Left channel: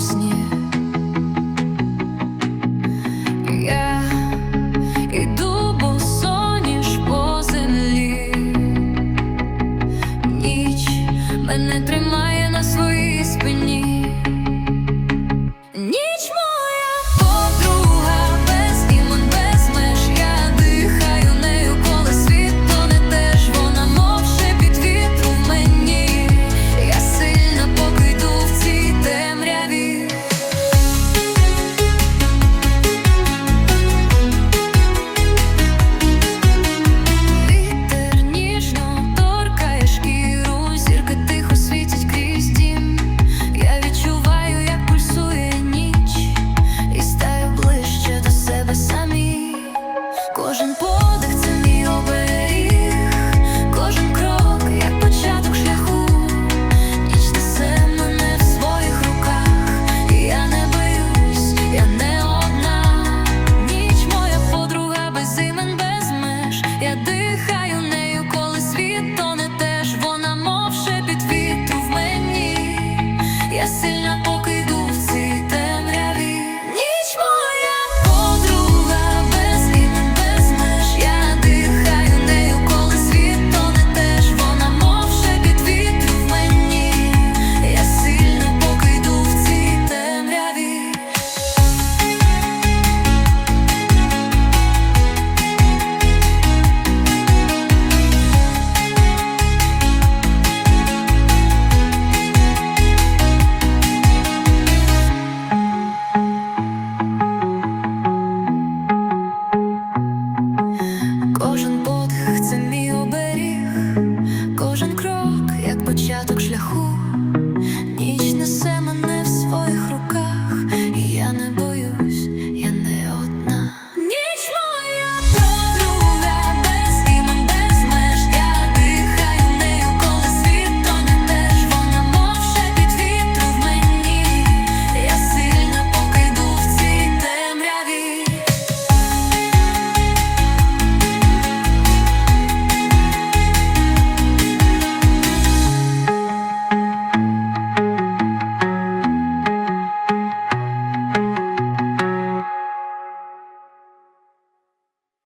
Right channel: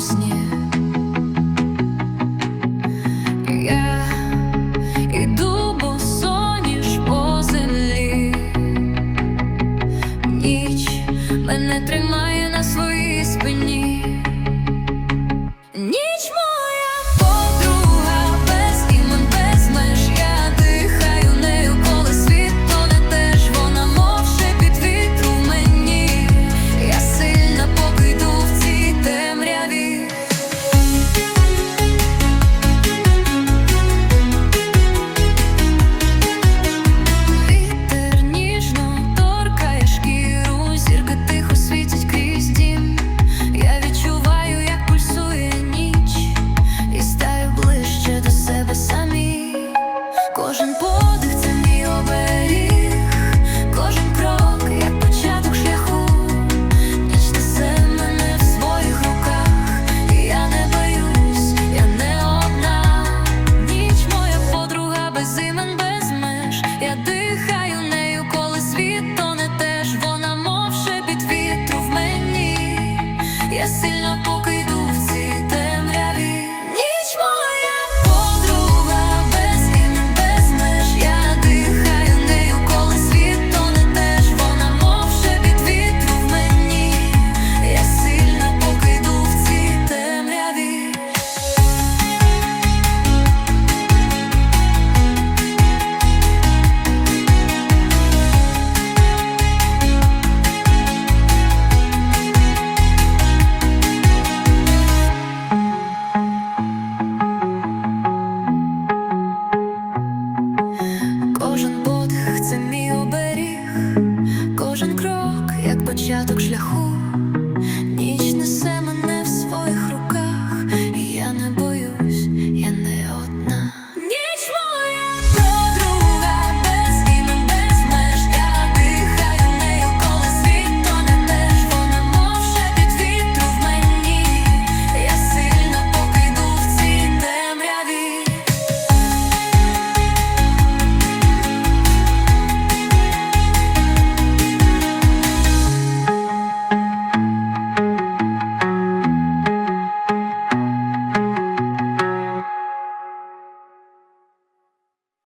моем сне Я иду босоніж по землі, ніч мене тримає на своїй спині. Ніч дім. Я відчуваю, як пульсує ніч, і стаю ближче до себе самі. Кожен подих це тоне теж. Вона мов шепіт в мені. Я сильна, поки йду Кожен подих це мій оберіг, кожен крок, як початок шляху. Ніч несе мене в своїх руках, і я не боюсь, я не одна.